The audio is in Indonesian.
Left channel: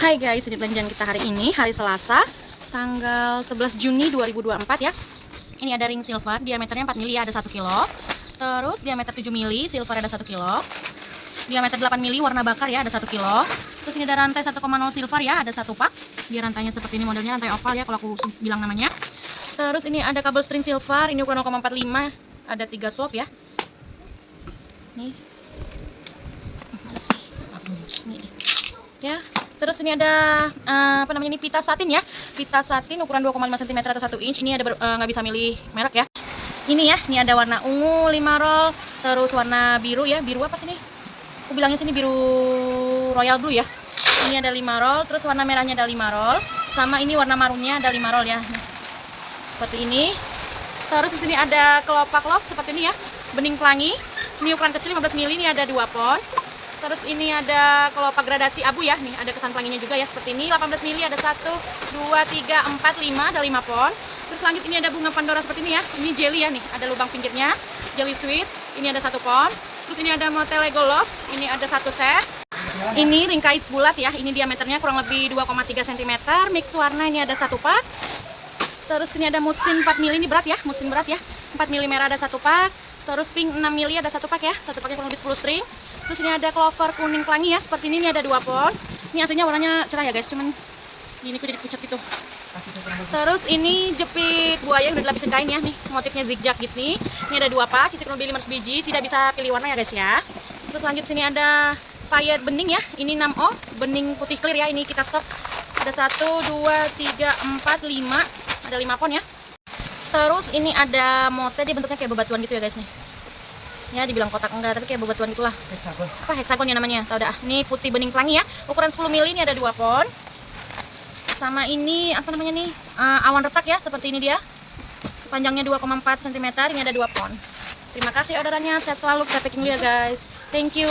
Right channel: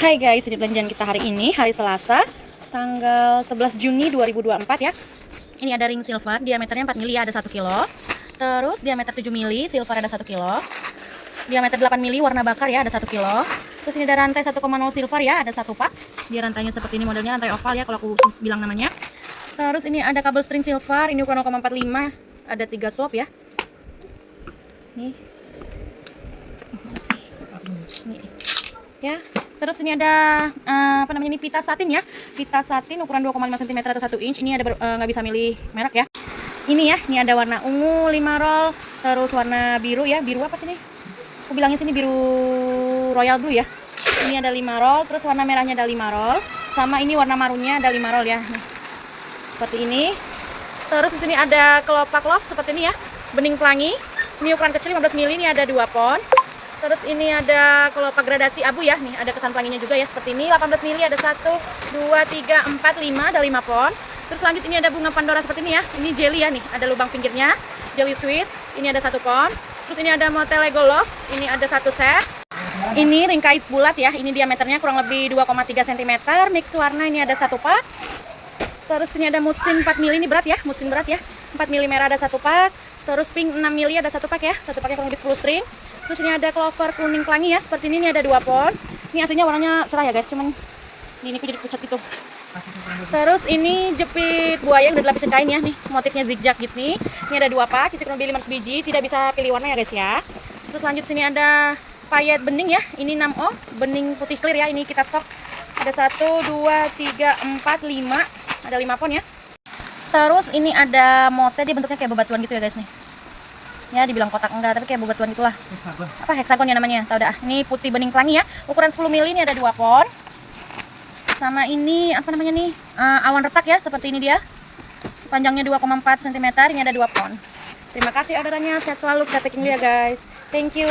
Hai guys, ini belanjaan kita hari ini, hari Selasa, tanggal 11 Juni 2024 ya. Ini ada ring silver, diameternya 4 mili, ada 1 kilo. Terus diameter 7 mili, silver ada 1 kilo. Diameter 8 mili, warna bakar ya, ada 1 kilo. Terus ini ada rantai 1,0 silver ya, ada 1 pak. Dia rantainya seperti ini, modelnya rantai oval ya, kalau aku bilang namanya. Terus ini ada kabel string silver, ini ukuran 0,45, ada 3 slop ya. Nih. Mana sih? Nih. Ya. Terus ini ada ini pita satin ya. Pita satin ukuran 2,5 cm atau 1 inch. Ini ada nggak bisa milih merek ya. Ini ya, ini ada warna ungu 5 roll, terus warna biru ya. Biru apa sih ini? Aku bilangnya sini biru royal blue ya. Ini ada 5 roll, terus warna merahnya ada 5 roll, sama ini warna marunnya ada 5 roll ya. Nih. Seperti ini. Terus di sini ada kelopak love seperti ini ya. Bening pelangi. Ini ukuran kecil 15 mili, ini ada 2 pon. Terus ini ada kelopak gradasi abu ya, nih ada kesan pelanginya juga ya seperti ini. 18 mili ada 1, 2, 3, 4, 5, ada 5 pon. Terus lanjut ini ada bunga pandora seperti ini ya. Ini jelly ya nih, ada lubang pinggirnya. Jelly sweet, ini ada 1 pon. Terus ini ada motel Lego Love, ini ada 1 set. Ini ring kait bulat ya, ini diameternya kurang lebih 2,3 cm. Mix warna ini ada 1 pak. Terus ini ada mutsin 4 mili, ini berat ya, mutsin berat ya. 4 mili merah ada 1 pak. Terus pink 6 mili ada 1 pak ya. 1 paknya kurang lebih 10 string. Terus ini ada clover kuning pelangi ya, seperti ini ada 2 pon. Ini aslinya warnanya cerah ya guys, cuman ini kok jadi pucat gitu. Terus ini jepit buaya yang udah dilapisin kain ya, nih motifnya zigzag gitu nih. Ini ada 2 pak, isi kurang lebih 500 biji, tidak bisa pilih warna ya guys ya. Terus lanjut sini ada payet bening ya, ini 6O, bening putih clear ya, ini kita stok. Ada 1, 2, 3, 4, 5, ada 5 pon ya. Terus ini ada mote, dia bentuknya kayak bebatuan gitu ya guys nih. Ya dibilang kotak enggak, tapi kayak bebatuan itulah. Hexagon. Apa hexagon ya namanya? Tahu dah. Ini putih bening pelangi ya. Ukuran 10 mili, ini ada 2 pon. Sama ini apa namanya nih? Awan retak ya, seperti ini dia. Panjangnya 2,4 cm, ini ada 2 pon. Terima kasih orderannya. Sehat selalu, kita packing dulu ya guys. Thank you.